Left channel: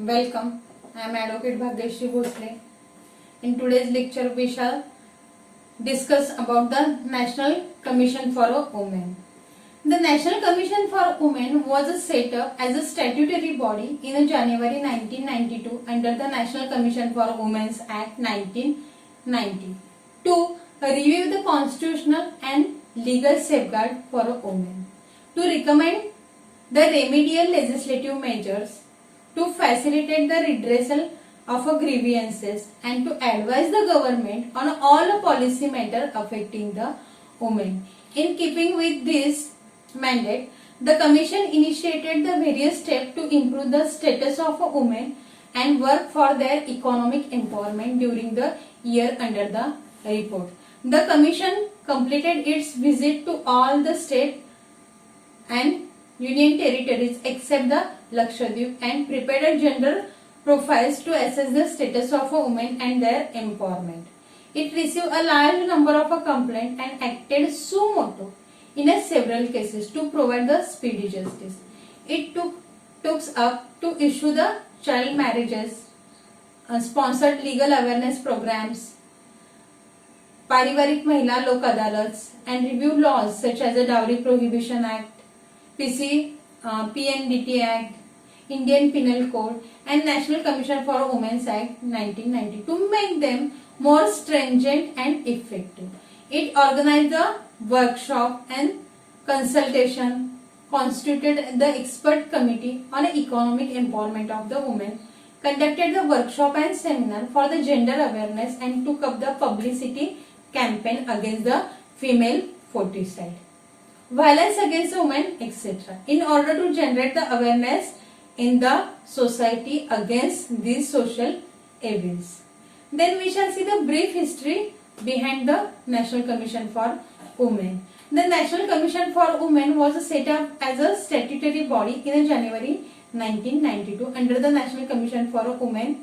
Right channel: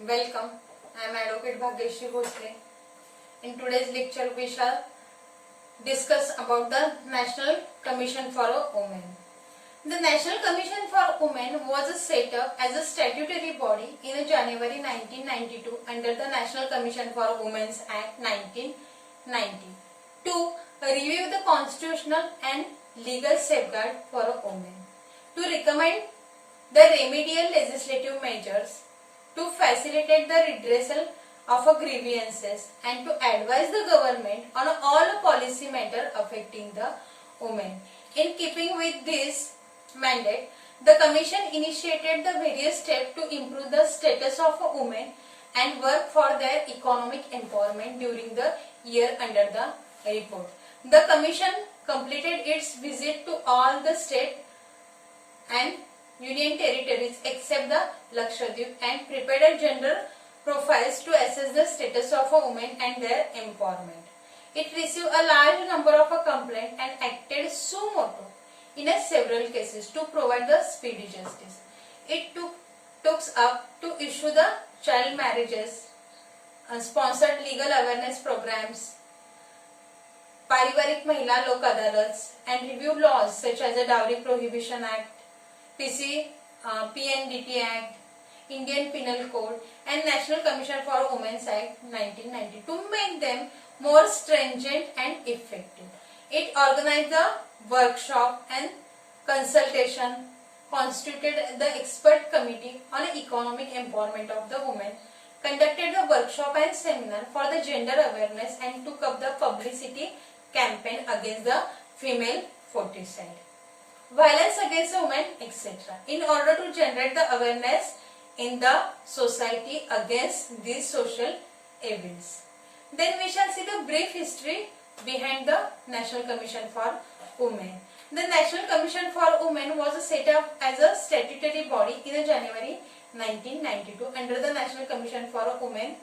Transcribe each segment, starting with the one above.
Welcome. I am Advocate Bhagyashree Bhosle. In today's lecture, we shall discuss about the National Commission for Women. The National Commission for Women was set up as a statutory body in January 1992 under the National Commission for Women's Act 1990 to review the constitutional and legal safeguard for women, to recommend the remedial legislative measures, to facilitate the redressal of grievances, and to advise the government on all policy matters affecting the women. In keeping with this mandate, the Commission initiated the various steps to improve the status of women and work for their economic empowerment during the year under the report. The Commission completed its visit to all the state and union territories except the Lakshadweep and prepared a general profiles to assess the status of women and their empowerment. It received a large number of complaints and acted suo motu in several cases to provide the speedy justice. It took up to issue the child marriages, sponsored legal awareness programs, Parivarik Mahila Lok Adalats, and reviewed laws such as the Dowry Prohibition Act, PNDT Act, Indian Penal Code, and National Commission for Women's Act 1990 to make them more stringent and effective. It organized the workshop and consultation, constituted the expert committee on economic empowerment of the women, conducted the workshop and seminar for the gender awareness, and took up the publicity campaign against the female foeticide, violence against women, etc. in order to generate the awareness in the society against these social evils. Then we shall see the brief history behind the National Commission for Women. The National Commission for Women was set up as a statutory body in January 1992 under the National Commission for Women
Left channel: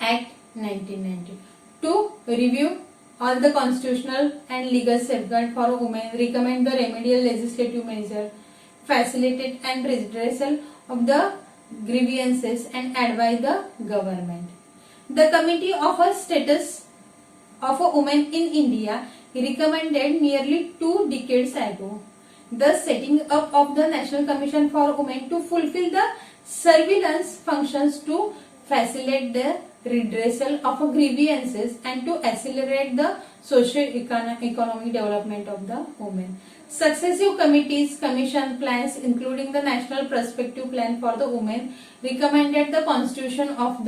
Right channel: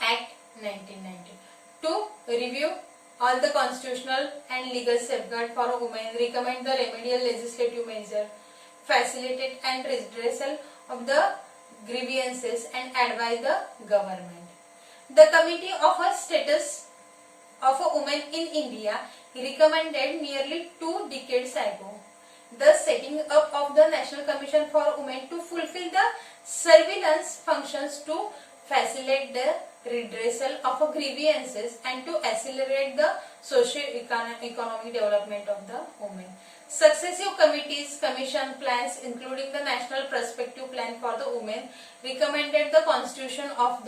Act 1990 to review all the constitutional and legal safeguard for women, recommend the remedial legislative measure, facilitate and redressal of the grievances, and advise the government. The Committee of a Status of a Woman in India recommended nearly 2 decades ago the setting up of the National Commission for Women to fulfill the surveillance functions to facilitate the redressal of grievances and to accelerate the socio-economic development of the women. Successive committees, commission plans, including the National Prospective Plan for the Women, recommended the constitution of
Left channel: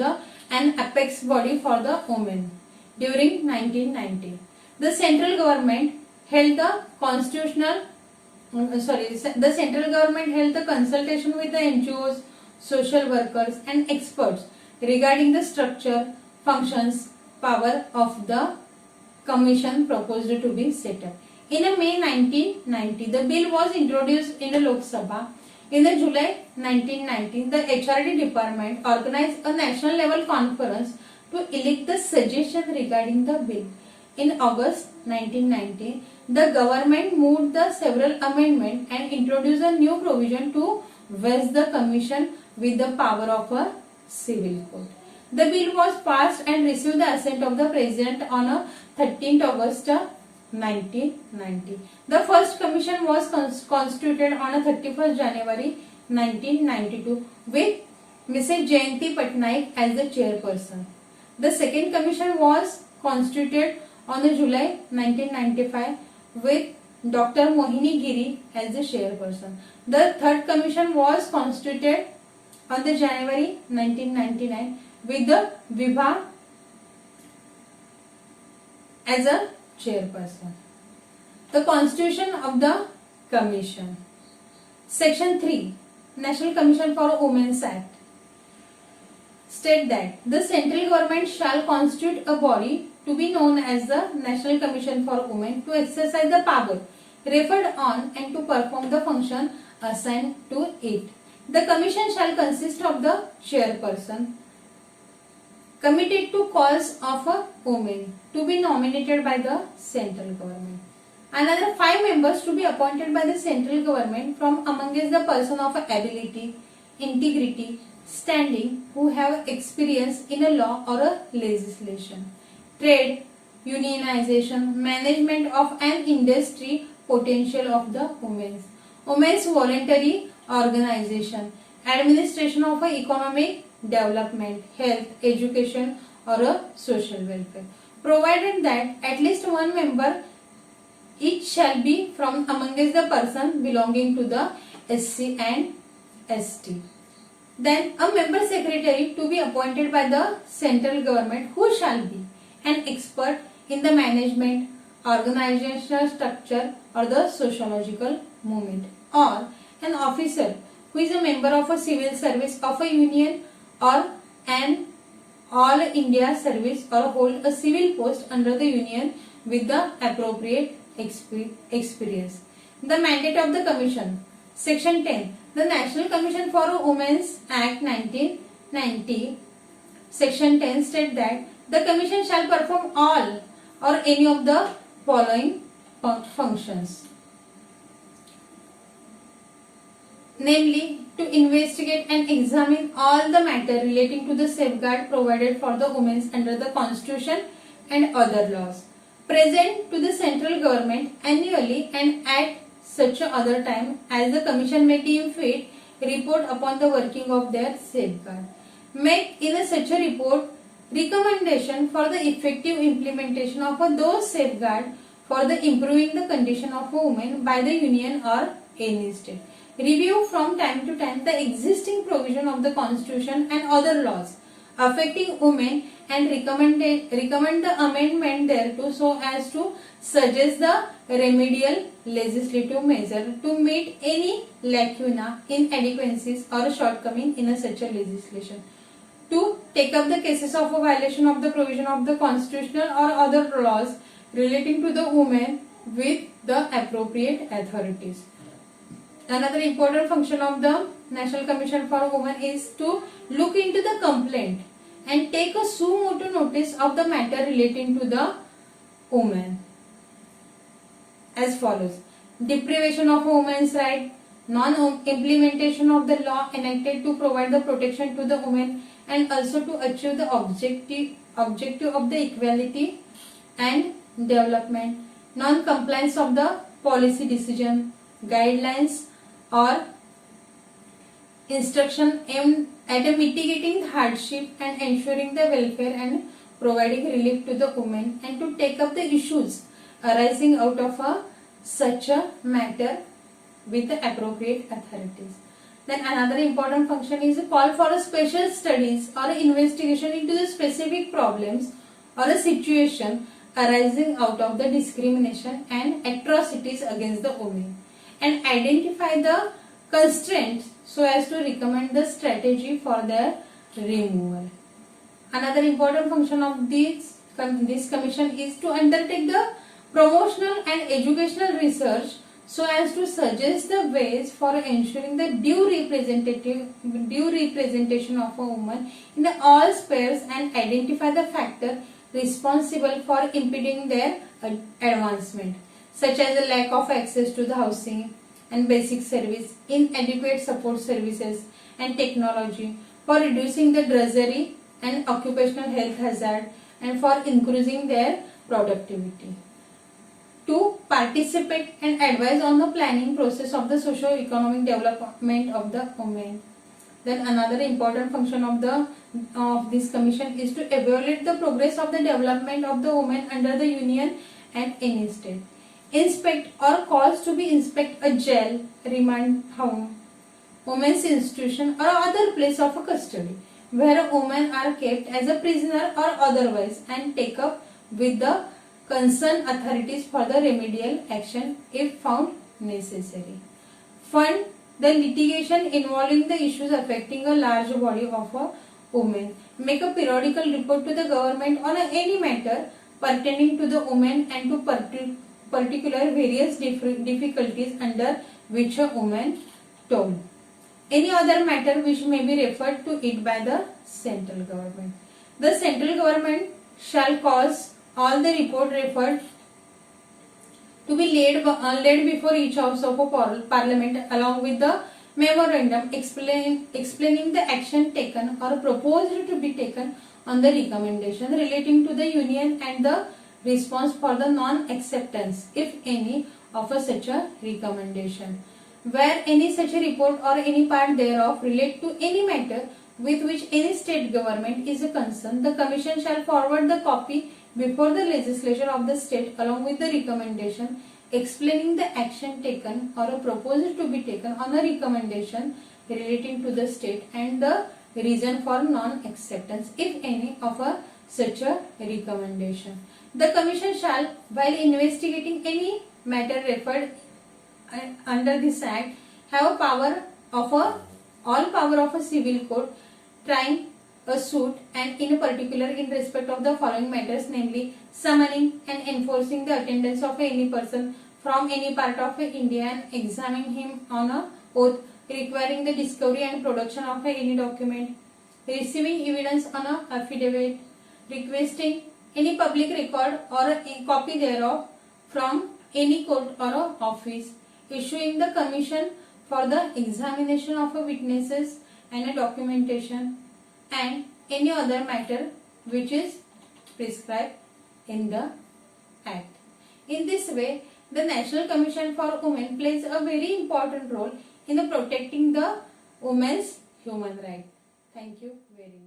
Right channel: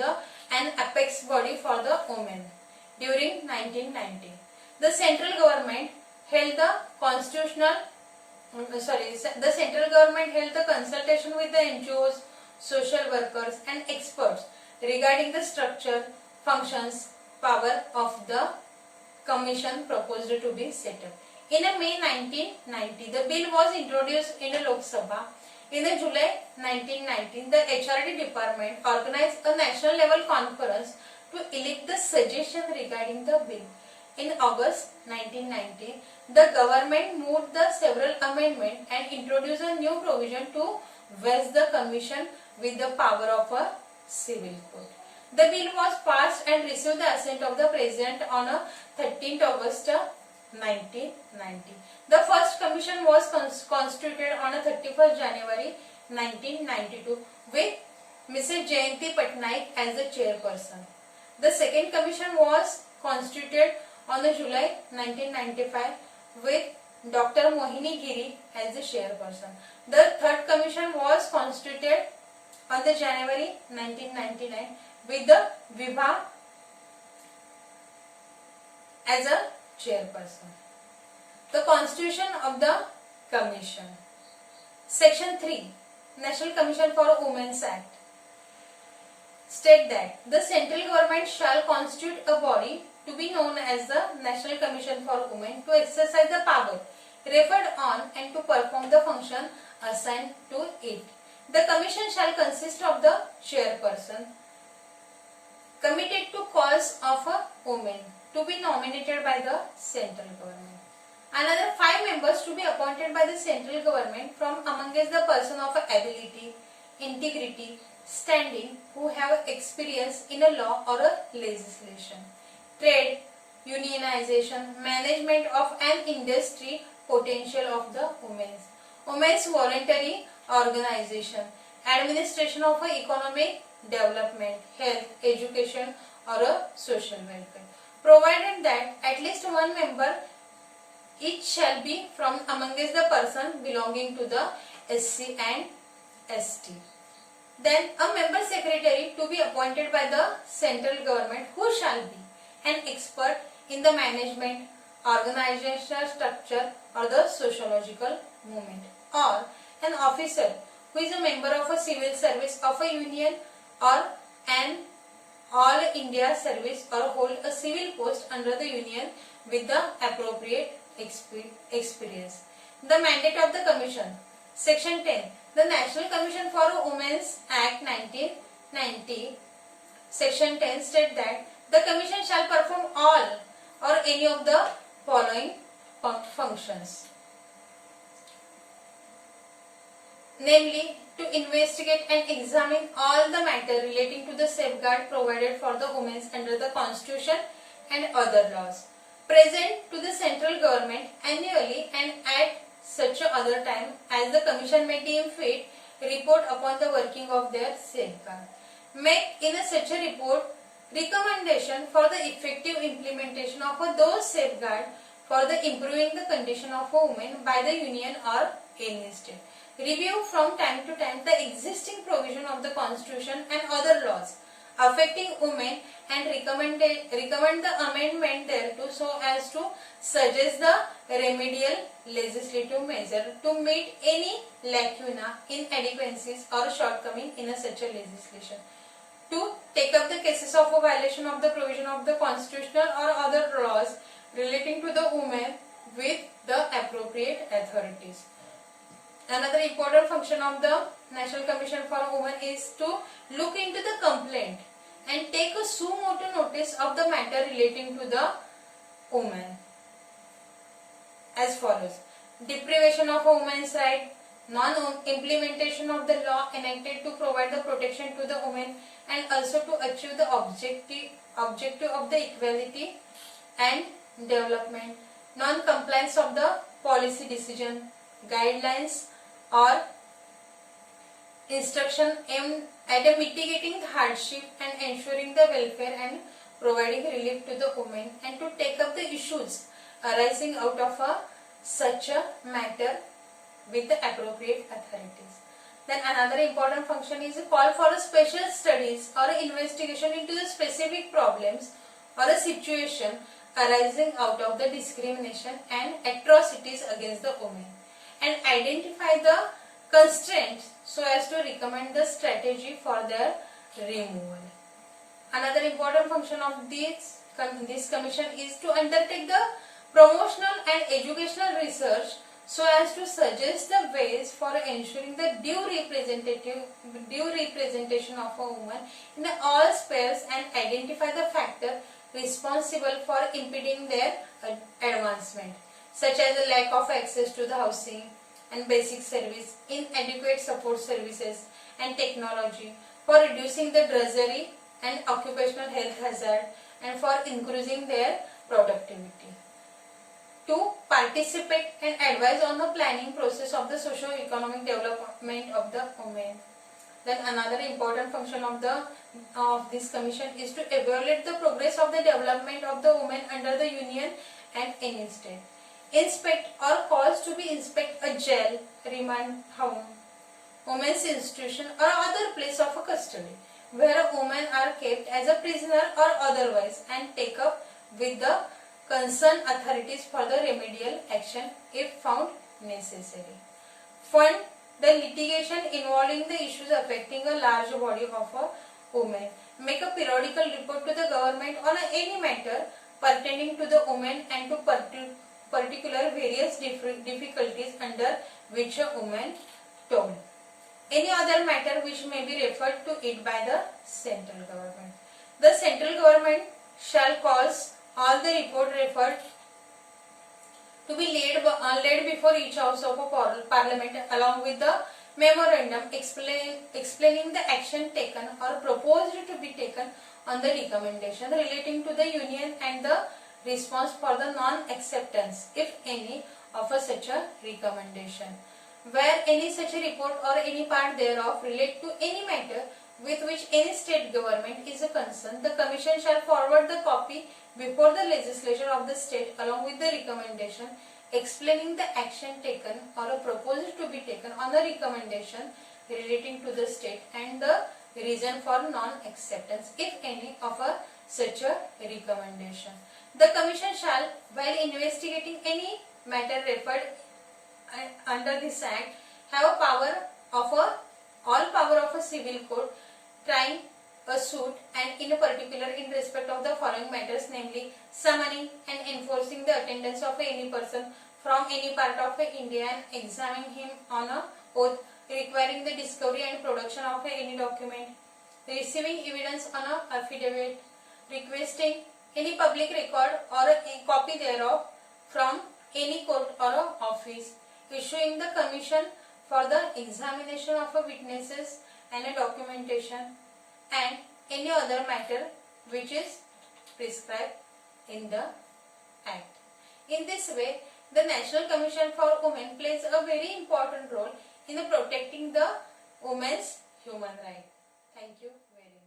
an apex body for the women. During 1990, the central government held the consultation with the NGOs, social workers, and experts regarding the structure, functions, power of the commission proposed to be set up. In May 1990, the bill was introduced in Lok Sabha. In July 1990, the HRD department organized a national level conference to elect the suggestion regarding the bill. In August 1990, the government moved the several amendments and introduced a new provision to vest the commission with the power of a civil court. The bill was passed and received the assent of the President on 13th August 1990. The first commission was constituted on 31st January 1992 with Mrs. Jayanti Patnaik as the chairperson. The second commission was constituted on July 1995 with Dr. Mohini Giri as the chairperson. The third commission was constituted on January 1999 with the Vibha as a chairperson. The Constitution of the Commission. Section 3, National Commission for Women's Act, state that the central government shall constitute a body to be known as the National Commission for Women to exercise the power referred on and to perform the function assigned to it. The commission shall consist of the chairperson, committed to cause of a woman, to be nominated by the central government. Another 5 members to be appointed by the central government from amongst the person of ability, integrity, standing who have experience in a law or a legislation. Trade, unionization, management of an industry, potential of the women's voluntary organization, administration of a economic development, health, education or a social welfare, provided that at least one member each shall be from amongst the person belonging to the SC and ST. Then a member secretary to be appointed by the central government who shall be an expert in the management, organizational structure or the sociological movement, or an officer who is a member of a civil service of a union or an all India service or hold a civil post under the union with the appropriate experience. The mandate of the commission. Section 10. The National Commission for Women's Act 1990, Section 10 states that the Commission shall perform all or any of the following functions. Namely, to investigate and examine all the matter relating to the safeguard provided for the women under the Constitution and other laws. Present to the central government annually and at such other time as the Commission may deem fit, report upon the working of their safeguard. Make in such a report recommendation for the effective implementation of those safeguard for the improving the condition of a woman by the union or any state. Review from time to time the existing provision of the Constitution and other laws affecting women and recommend the amendment thereto so as to suggest the remedial legislative measure to meet any lacuna, inadequacies or shortcoming in such a legislation. To take up the cases of a violation of the provision of the constitutional or other laws relating to the women with the appropriate authorities. Another important function of the National Commission for Women is to look into the complaint and take a suo motu notice of the matter relating to the woman as follows: deprivation of a woman's right, non-implementation of the law enacted to provide the protection to the women and also to achieve the objective of the equality and development, non-compliance of the policy decision, guidelines or instruction aimed at mitigating hardship and ensuring the welfare and providing relief to the women, and to take up the issues arising out of such a matter with the appropriate authorities. Then another important function is a call for a special studies or investigation into the specific problems or a situation arising out of the discrimination and atrocities against the women, and identify the constraints so as to recommend the strategy for their removal. Another important function of this commission is to undertake the promotional and educational research so as to suggest the ways for ensuring the due representation of a woman in all spheres and identify the factor responsible for impeding their advancement, such as the lack of access to the housing and basic service, inadequate support services and technology, for reducing the drudgery and occupational health hazard, and for increasing their productivity. To participate and advise on the planning process of the socio-economic development of the women. Then another important function of this commission is to evaluate the progress of the development of the women under the union and any state. Inspect or cause to be inspect a jail, remand home, women's institution or other place of a custody where women are kept as a prisoner or otherwise, and take up with the concerned authorities for the remedial action if found necessary. Fund the litigation involving the issues affecting a large body of a women. Make a periodical report to the government on any matter pertaining to the women and to particular various difficulties under which a woman told. Any other matter which may be referred to it by the central government. The central government shall cause all the report referred to be laid before each house of a parliament along with the memorandum explaining the action taken or proposed to be taken on the recommendation relating to the union and the response for the non-acceptance, if any, of such a recommendation. Where any such a report or any part thereof relate to any matter with which any state government is concerned, the Commission shall forward the copy before the legislature of the state along with the recommendation explaining the action taken or a proposal to be taken on the recommendation relating to the state and the reason for non-acceptance, if any, of such a recommendation. The Commission shall, while investigating any matter referred under this Act, have all power of a civil court trying a suit and in particular in respect of the following matters, namely summoning and enforcing the attendance of any person from any part of India and examining him on a oath, requiring the discovery and production of any document, receiving evidence on a affidavit, requesting any public record or a copy thereof from any court or a office, issuing the commission for the examination of witnesses and a documentation, and any other matter which is prescribed in the Act. In this way, the National Commission for Women plays a very important role in protecting the women's human rights. Thank you very much.